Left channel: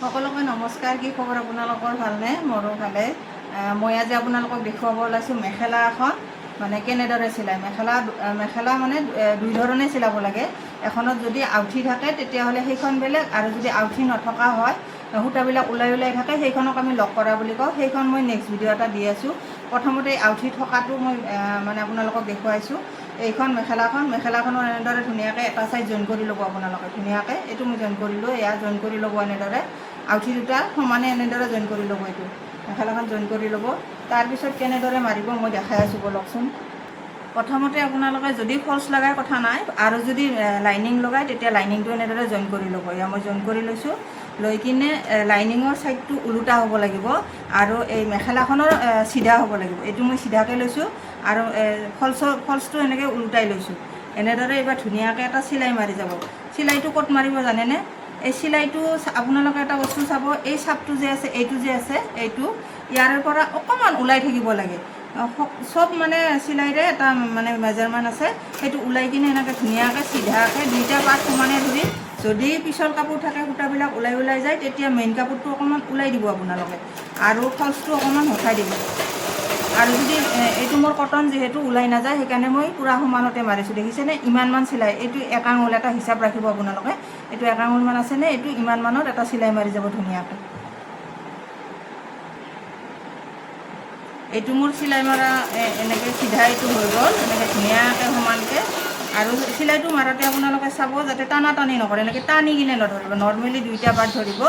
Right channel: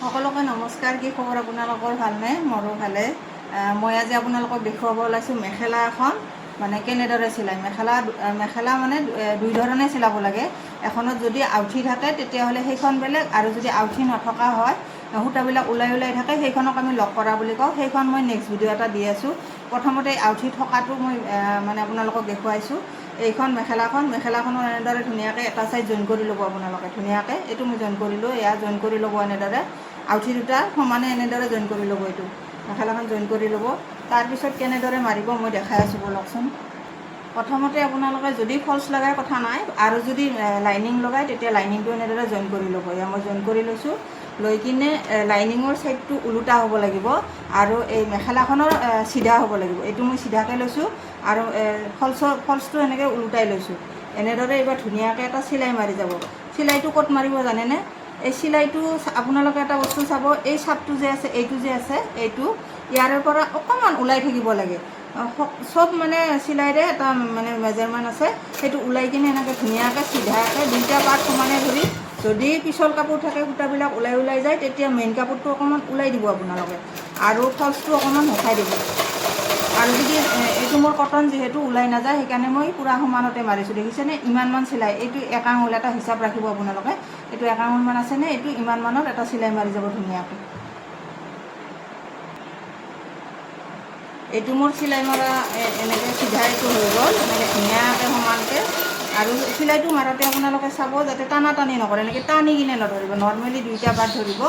সকলোকে নমস্কাৰ। কি খবৰ আপোনালোকৰ? ভালনে? মোৰো ভালে। মই আজি আপোনালোকক দেখুৱাব ওলাইছোঁ মেখেলা এখন মানে কেনেদৰে চিলাই। মেখেলা মানে দুই ধৰণে চিলাব লাগে। এখনত যদি আউঠি থাকে তেতিয়াহ'লে সেইখন বেলেগ, আৰু যদি আউঠি নথকা হয়, সূতাবিলাক ওলাই থাকে, সেইখনক আমি লক কৰা বুলি কওঁ। সেইখন মই নেক্সট ভিডিঅ' এটা দি আছোঁ। প্ৰথমতে আউঠি থকাটো মই মানে আপোনালোকক দেখুৱাইছোঁ। এইখন মেখেলাখনৰ এনেদৰে ধুনীয়াকৈ এটা ছাইড জইন কৰি ল'ব আপোনালোকে। ধুনীয়াকৈ এইটো মই জইন কৰিলোঁ, এয়া জইন কৰি ল'ব এনেদৰে। আউঠি দুটা সমানে এনেদৰে জইন কৰি ল'ব। এইটো মেখেলাখন জইন কৰি ল'ব। তাৰপিছত কেনেদৰে মাৰিব মই দেখাই আছোঁ বলকচোন। প্ৰথমতে আপোনালোকে যদি ফল্চ লগাই কথা নাই, আৰু যদি লাইনিং লগাই তেতিয়া লাইনিংটো এনেদৰে জইন কৰি ল'ব। এয়া মই জইন কৰি লৈছোঁ। লৈ কিনে লাইনিঙৰ ছাইডটো ওলোটা হ'ব লাগিব, আৰু এই মেখেলাখনৰ চিধা হ'ব লাগিব। এইটো মই চিধাকৈ লৈছোঁ, আৰু ফল্চটো এনেকৈ ওলোটাই লৈছোঁ। এনেদৰে এইবাৰ ধুনীয়াকৈ এটা চিলাই মাৰি যাব। চিলাইটো ক'ত মাৰিব জানেনে? এই চিলাইটো আপোনালোকে এটা বস্তু চাব, এই চাপটো যে আছে, এইটো ইয়াৰে পৰা অকণমান ওলাই থাকিব লাগে। চব মানে চিলাইৰে এটা মানে মেজাৰমেণ্ট আছে, সেইটো ওলাই কিনে এনেকৈ ধুনীয়াকৈ চিধাকৈ দুইটা পাৰ্ট সমানে ধৰি, যদি পিছল কাপোৰ থাকে সূতাবিলাক ওলাই যায়, তেতিয়া মেইন কাপোৰটো অকণমান ওলাই দিব আপোনালোকে, আৰু ফল্চটো অকণমান উঠাই দিব। আৰু যদি এইটো মোৰ কটন যিহেতু ওলাই নাযায়, সেইকাৰণে মই পূৰা সমানতে মাৰিছোঁ। দেখিছেনে? ইমানমান চিলাই। এইটো 1 আঙুল এটা হিচাপ ৰাখিব আপোনালোকে। এইটো 1 আঙুলমান আছেনে? এইটো ইমানমানত এটা চিলাই মাৰি যাব ধুনীয়াকৈ। এইটো মোৰ চিলাই মৰা এনেকৈ চিধা এইটো হৈ গ'ল, এনেকৈ ধুনীয়াকৈ সমানকৈ। আৰু চিলাইটো মাৰোঁতে আপোনালোকে চাব যাতে টানি নকৰে, এনেকৈ টানি কিনে নধৰিব। নৰ্মেলি দুইটা পাৰ্ট ধৰিব।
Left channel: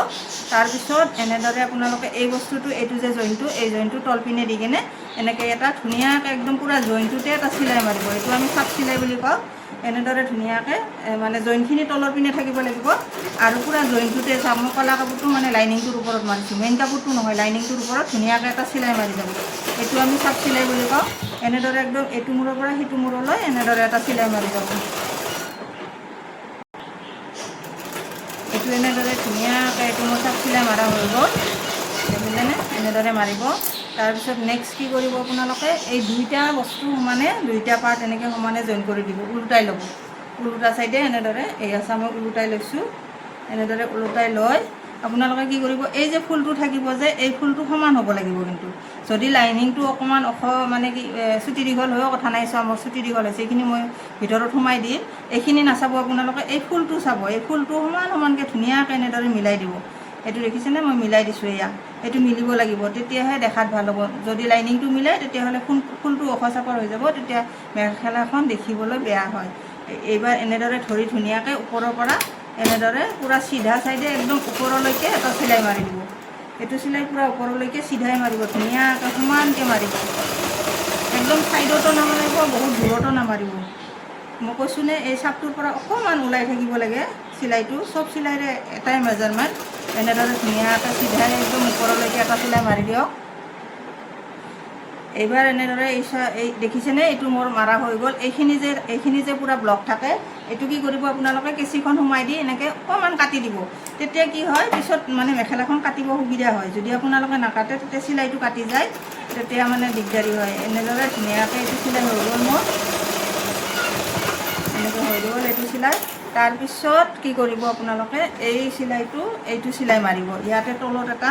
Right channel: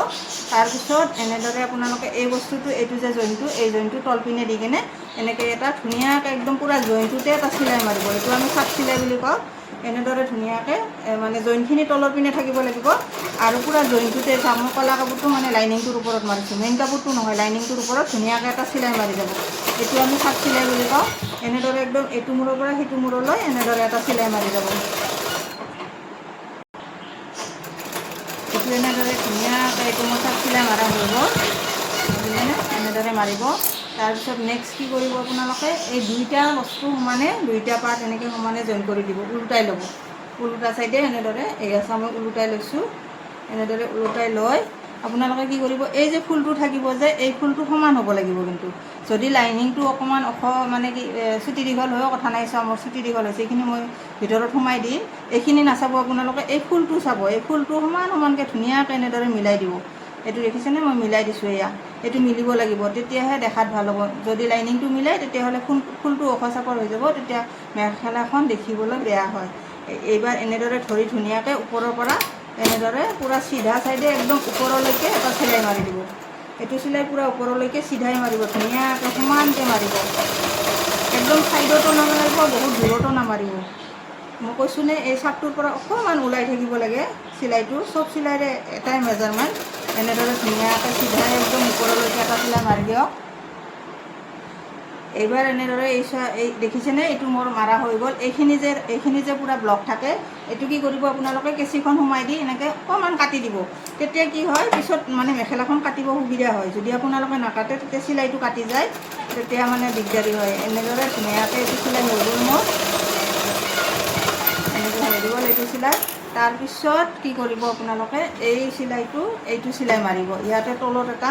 তাৰপিছত এনেদৰে আপোনালোকে এই বস্তুটো, এইটো যে জইনটো, এই জইনটো তলপিনে দি কিনে এনেকৈ এটা ধুনীয়াকৈ একদম পূৰা জইনটোতে এটা চিলাই মাৰিব। এইটো আমি চাপ চিলাই বুলি কওঁ। এনেদৰে ধুনীয়াকৈ মানে জইনখিনি তলৰ পিনে থাকিব লাগিব, আৰু পূৰা জইনটোতে চাম। মই কলা কাপোৰটো মানে লাইনিংটোৰ ওপৰত মাৰিছোঁ, মেইন কাপোৰটো নহয়, লাইনিংটোৰ ওপৰত ধুনীয়াকৈ এটা চিলাই মাৰি যাব। এইটো আমি চাপ চিলাই বুলি কওঁ। এনেদৰে একদম এইটো মূৰৰ পৰা সিটো মূৰলৈ এনেদৰে এটা চিলাই মাৰি যাব। এইটো এনেদৰে ধুনীয়াকৈ এইটো মোৰ চাপ চিলাই মাৰা হৈ গ'ল, বুজিলেনে? এনেদৰে মাৰিব। তাৰপিছত নেক্সট কি কৰিব আপোনালোকে, এই দুইটা বস্তু সমানে, দুইটা পাৰ্ট এনেকৈ সমানে জইন কৰি দিব, ওলোটাই ল'ব। ওলোটা চাইডে এনেদৰে এই আছে, মই ওলোটাই লৈছোঁ। এনেদৰে ওলোটাই লৈ আপোনালোকে কি কৰিব, এই যে ফুলটো থাকিব যে, এই ফুলটো সমান হ'ব লাগিব। কিন্তু যদি লাইনিংটো অকণমান মানে কি চুটি দীঘল হৈও কথা নাই, চাওঁ মোৰ চুটি দীঘল হৈছে, এইখিনি মই ভিতৰত সোমাই দিম। এইখিনি নাচাব আপোনালোকে, এই ফুলটো চাব। এই ফুলটো সমানকৈ ধুনীয়াকৈ এনেদৰে মিলাই দিব। এইটো দেখিছেনে? মই মিলাই দিছোঁ। এয়া এইটো মিলিব লাগিব, তেতিয়াহে দেখাত ভাল হ'ব। যদি লাইনিংটো মিলাই তেতিয়াহ'লে ফুলটো ওখ চাপৰ হৈ যাব, তেতিয়া মেখেলাখন দেখিবলৈ বেয়া হয়। এইবাৰ এনেদৰে ধৰি ধুনীয়াকৈ ওপৰৰ পৰা এনেদৰে পূৰা চিধা চাইডে একদম ওপৰলৈকে এটা চিলাই মাৰি দিব। এইটো চিলাই পূৰা ওপৰলৈকে চিধাই মাৰিব, ধুনীয়াকৈ সমানকৈ মাৰিব। একদম ছাইডতো নামাৰিব, বহুত দূৰতো নামাৰিব। মই কৈছোঁনে, এই চাপটোৰ পৰা অকণমান ওলাই থাকিব লাগে চিলাইটো। চব চিলাইৰে এটাই মেজাৰমেণ্ট। এনেদৰে ধুনীয়াকৈ চিধাই একদম ওপৰলৈকে এটা চিলাই মাৰি দিয়ক। এইবাৰ এনেদৰে এই দেখিছেনে? এইটো মোৰ মাৰা হৈ গ'ল। এইখিনি যে পূৰা ব্লক থাকে, এইটো কি কৰিব আপোনালোকে, কেঁচিখন সোমাই দি এনেকৈ অকণমান কাটি দিব। তেতিয়া কি হয়, পিছত মানে মেখেলাখন কাটিব সুবিধা হয়। যদি আপোনালোকে নাকাটে তেতিয়া চিলাইটো কাটি যায়, তেতিয়া মানে দিগদাৰী হয়। এনেদৰে ধুনীয়াকৈ এইটো চিলাই হৈ গ'ল মোৰ। এনেকৈ হৈ গ'ল এইটো চিলাই। তাৰপিছত কি কৰিব আপোনালোকে, এইটো চিলাই মাৰিব। ইয়াতে তলত এটা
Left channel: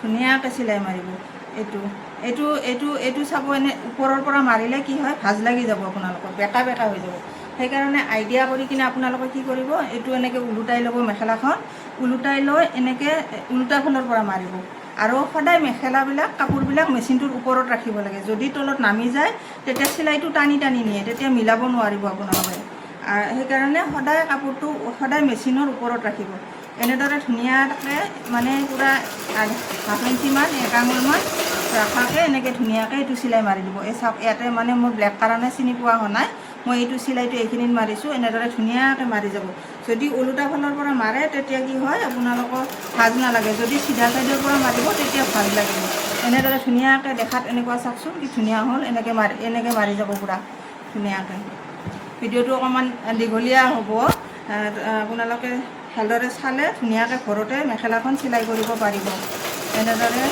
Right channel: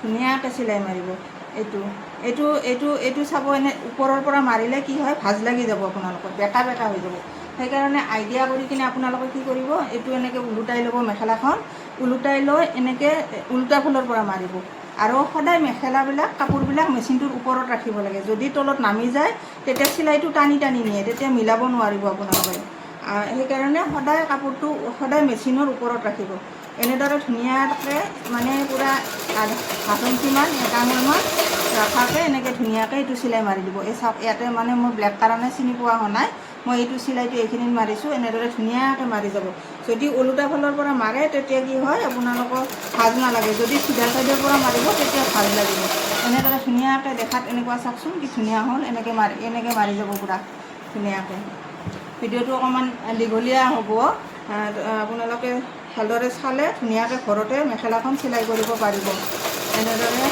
ধুনীয়াকৈ চিলাই মাৰিব। এইটো চাব, এনে ওপৰৰ পৰা মাৰিলে কি হয়, ভাজ লাগি যাব আপোনালোকৰ, বেকা হৈ যাব। সেইকাৰণে আইডিয়া কৰি কিনে আপোনালোকে কি কৰিব, এইটো এনেকৈ ওলোটাই ল'ব মেখেলাখন। ওলোটাই লৈ এনেকৈ ওলোটা ফালৰ পৰা মাৰিব। আৰু সদায় কাপোৰবিলাক মেচিনটোৰ ওপৰত ৰাখিব লাগে। যদি তলত নামি যায় তেতিয়া চিলাইটো টানি নিয়ে, তেতিয়া মিলাব নোৱাৰিব আপোনালোকে। সেইকাৰণে কাপোৰটো সদায় মেচিনৰ ওপৰত ৰাখিব। এনেদৰে ধুনীয়াকৈ মানে পূৰা ½ ইঞ্চিমান, 1 আঙুলমান ৰাখাকৈ এনেকৈ ধুনীয়াকৈ এইটো চিলাই মাৰি দিব। এই চাওক, ইয়াতে মানে মোৰ ব্লেক কাৰণে চিনি পোৱা হোৱা নাই, মই এইটো চিলাইটো এইখিনিত মাৰিছোঁ। এনেদৰে ধুনীয়াকৈ মাৰি যাব। যদি ওলোটা ফালৰ পৰা মাৰে তেতিয়া কি হয়, আপোনালোকৰ ভাজ নালাগে। যদি চিধা চাইডৰ পৰা মাৰিব তেতিয়া ভাজ লাগিব। এনেদৰে ধুনীয়াকৈ দেখাত এনেকুৱা চাওকচোন, কি ধুনীয়া হ'ল। এনেকৈ মাৰি যাব পূৰা ধুনীয়াকৈ। ভিডিঅ'টো অকণমান দীঘলীয়া হ'ব, আপোনালোকে ভালদৰে চালে ধুনীয়াকৈ ঘৰতে মেখেলাখন চিলাই কৰিব পাৰিব। এনেদৰে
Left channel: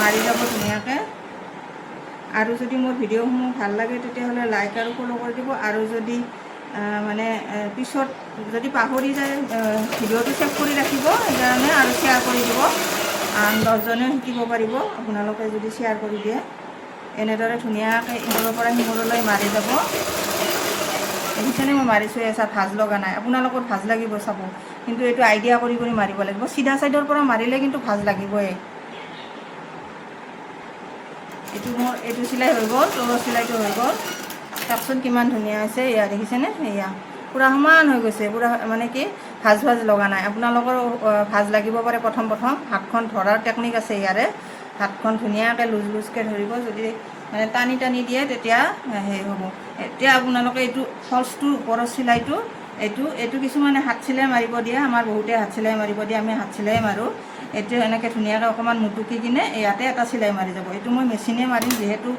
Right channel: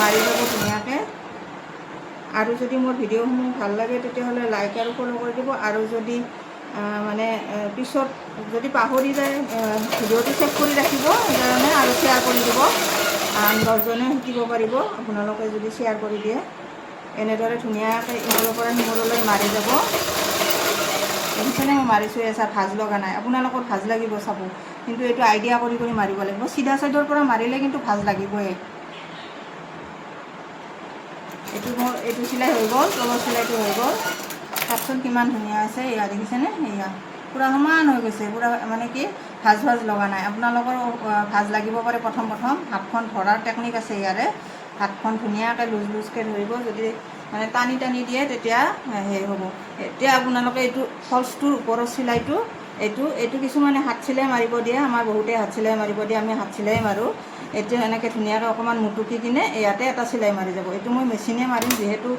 মাৰি যাব ধুনীয়াকৈ। আৰু যদি মোৰ ভিডিঅ'সমূহ ভাল লাগে তেতিয়াহ'লে লাইক আৰু ফ'ল' কৰি দিব। আৰু যদি মানে পিছত যদি পাহৰি যায়, ভিডিঅ'টো ছেভ কৰি ৰাখিব, সেইকাৰণে। আৰু কৰি দিব, 10জনেও শিকিব পাৰিব আপোনালোকে যদি শ্বেয়াৰ কৰি দিয়ে। এনেদৰে ধুনীয়াকৈ ইমূৰৰ পৰা সিমূৰলৈ মাৰি যাব। দেখিছেনে মই মাৰিছোঁ, এচা ভাজ লগা নাই। আপোনালোকৰ ভাজ লাগিব চাব, কিন্তু এইটো আইডিয়া কৰি কৰি মাৰিব লাগিব। চিধা চাইডৰ পৰা মাৰিলে কিন্তু ভাজ লাগিবই। এইটো চিলাই হৈ গ'ল, তলৰ চিলাইটো হৈ গ'ল। চাওকচোন কিমান ধুনীয়া আছে, এয়া দেখিছেনে? এয়া পূৰা সমান হৈ গৈছে, পূৰা মানে কি ভাজ লগা নাই। আপোনালোকৰ ভাজ লাগিব পাৰে প্ৰথম হাতখন ধৰাৰ টেকনিক আছে ইয়াৰে। হাতখন ধুনীয়াকৈ লুজকৈ ধৰিব, যদি মানে টানি দিয়ে তেতিয়া সেই হ'ব। এতিয়া আপোনালোকে এইটো ফল্চটোৰ ওপৰৰ চিলাইটো এইটো কিছুমানে হাত চিলাই মাৰিব দিয়ে, আমাৰ বহুতে হাত চিলাই মাৰিব দিয়ে, আমি হাত চিলাই মাৰোঁ। এতিয়া এনেকৈ ধুনীয়াকৈ অকণমান মুটুকি কিনে ইয়াতে এটা চিলাই মাৰি যাব। এইটো মই মেচিনে মাৰিম, যিহেতু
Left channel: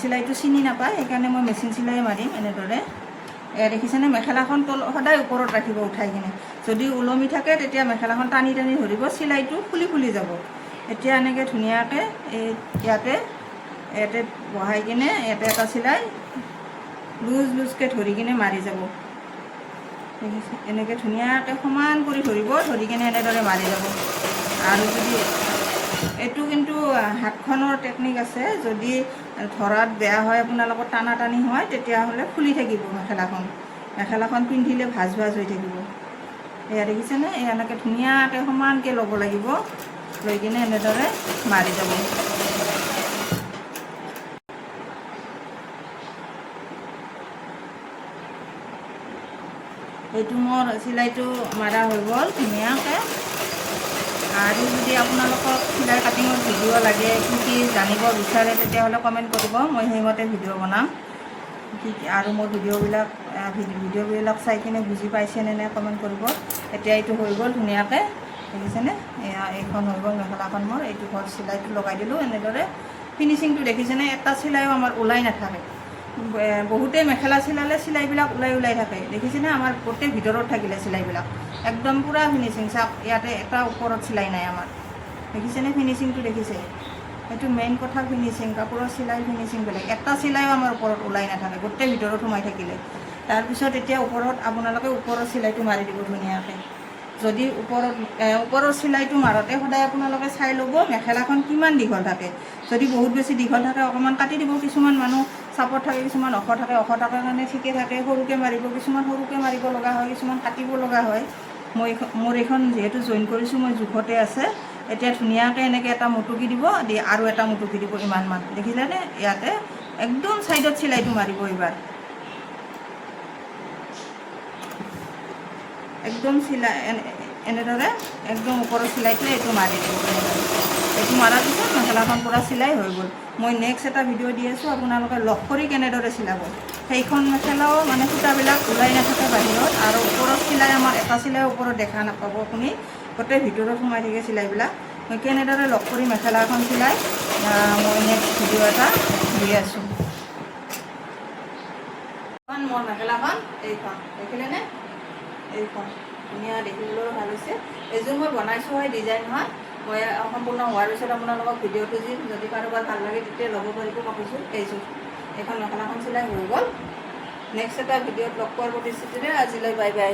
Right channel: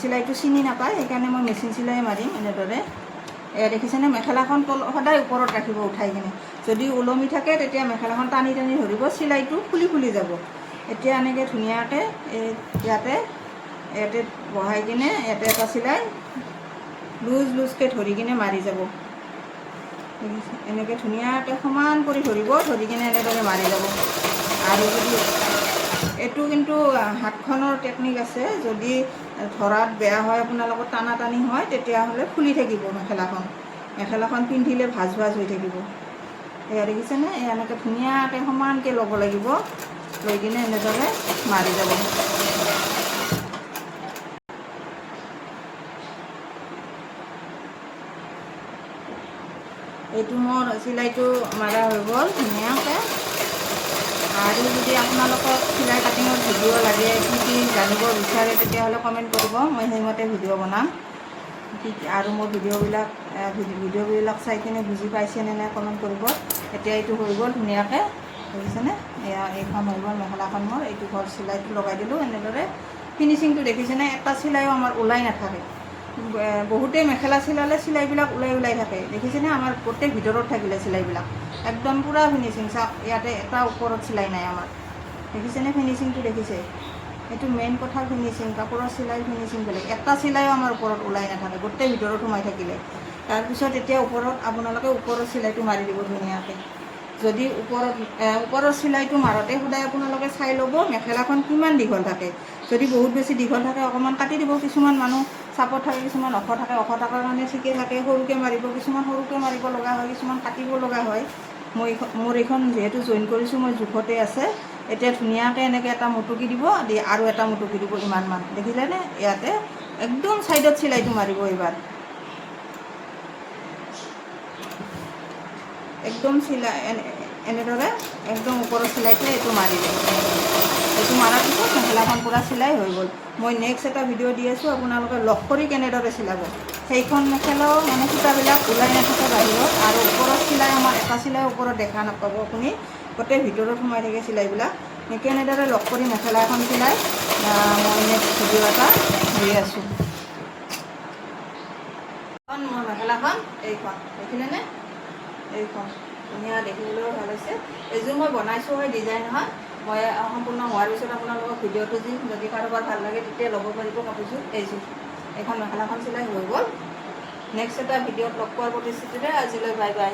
চিলাইটো চিনি নাপায়, সেইকাৰণে মই মেচিন চিলাই মাৰিম। এনেদৰে এয়া দেখিছেনে? মেখেলাখন সদায় ওপৰত ৰাখিব উঠাই কিনে। যদি ওলমি থাকে তেতিয়া মেখেলাখন টানি ধৰিব, চিলাইটো খুলি যাব। এতিয়া এনেকৈ ধুনীয়াকৈ ইয়াতে বহাই কিনে ইয়াতে এটা চিলাই লুজকৈ ধৰি কিনে মাৰি যাব। এনেকৈ ধুনীয়াকৈ সমান কৰি ধৰিব, ধৰি কিনে এনেদৰে মাৰি যাব। আৰু যদি এইটো কিন্তু হাতখনৰ টেকনিক আছে, যদি ধৰাত বেয়া হয়, আপোনালোকৰ টানি হয়, তেতিয়াহ'লে খুলি থাকিব মেখেলাখন পিন্ধিলে ভাজ হৈ থাকিব। এয়া দেখিছেনে? এনেকৈ ধুনীয়াকৈ সমানকৈ ল'ব লাগিব, লৈ কিনে এনেদৰে মাৰি যাব। এইটো মোৰ চিলাইটো মাৰা হৈ গ'ল ধুনীয়াকৈ। আৰু যদি আপোনালোকক চিলাই কাটিঙৰ ভিডিঅ' লাগে, কি জানিব বিচাৰে, তেতিয়াহ'লে কমেণ্ট কৰিব, মই সেইমতে ভিডিঅ' বনাম। আৰু মোৰ ভিডিঅ'বিলাক চাই কিনে বুজি পাইছেনে নাই কমেণ্ট কৰিব। এতিয়া এইটো হৈ গ'ল ধুনীয়াকৈ, দেখিছেনে? এইখন হৈ গ'ল মেখেলাখন মোৰ। এইটো ঘৰ চিলাইটো লগাই দিলোঁ। এনেদৰে ফিনিচিংটো দেখিছেনে? এটা চিলাইও আমাৰ ওলাই নাথাকে। বহুতেই মেখেলা চিলালে চিলাইবিলাক ওলাই থাকে, দেখিছেনে? আমাৰ গোটেই ভিতৰত থাকিলে চিলাইবিলাক একদম পূৰা ফিনিচিং। চাওক, ইয়াতে এটা ওপৰত চিলাই নাই আমাৰ, দেখিছেনে? ফিনিচিংটো দেখিছে? এইটো মেইন কথা, ফিনিচিং। কাপোৰৰ চিলাই ফিনিচিং বেলেগ। এটা চিলাইও আমাৰ ওপৰত ওলাই নাথাকে, গোটেই ভিতৰত সোমাই থাকিলে। তাৰপিছত এতিয়া আপোনালোকে ওপৰৰ চিলাইটো মাৰি দিব ধুনীয়াকৈ। যদি ওপৰৰ চিলাইটো মাৰোঁতে সদায় আপোনালোকে চাই ল'ব মেখেলাখন কিমান দীঘল থাকে। যদি বহুত বেছি দীঘল থাকে অকণমান কাটি দিব। কিছুমান মানুহ চাপৰ থাকে, কিছুমান ওখ থাকে কাৰণে ঠিকে থাকে, সৰুকৈ মাৰিব। কিছুমান সৰুকৈ মাৰিব লগা হয়, কিছুমান কাটিব লগা হয়। মোৰ এইখন যিহেতু জইন কৰিছোঁ, মই জোখতে আছে। এতিয়া ধুনীয়াকৈ এনেকৈ এটা মুটুকি দিব, আৰু এটা মুটুকি দিব, ইমানমান। দেখিলেনে? ইয়াতে একদম ছাইডত চিলাইটো মাৰিব। এইবাৰ একদম এনেদৰে একদম ওপৰৰ চিলাইটো এইটো মাৰি দিব। এইটো মাৰাৰ পিছত মেখেলাখন পূৰা চিলাই হৈ গ'ল। মই নেক্সট এটা ভিডিঅ' দি আছোঁ, আপোনালোকে লগ কৰি কেনেদৰে চিলাব। সেইখন মেখেলাও মানে সূতাবিলাক ওলাই নাথাকে বাহিৰত, আৰু ওপৰত চিলাই আমাৰ এটা চিলাই ওপৰত দেখা নাপাব আপুনি, গোটেই ভিতৰত সোমাই থাকে চিলাইবিলাক। মই কেনেদৰে লগ কৰি মেখেলা এখন চিলাই মই নেক্সট ভিডিঅ' এটা দি আছোঁ। মোৰ মেখেলাখন এইখন দেখিলেনে? এইখন ধুনীয়া, দেখিবলৈও ভাল হৈছে। এইযোৰ মই বনাইছোঁ হয়, ডিজাইন হয়। মই সম্পূৰ্ণ হোৱাৰ পিছত আপোনালোকক ভিডিঅ'টো দিম। যদি কাৰোবাৰ ভাল লাগে তেতিয়া ল'ব পাৰিব কাপোৰযোৰ। এইখন মেখেলাখন চিলাই হৈ গ'ল। নেক্সট এটা ভিডিঅ'ত লগ পোৱাৰ প্ৰতিশ্ৰুতিৰে আজিলৈ বাই বাই।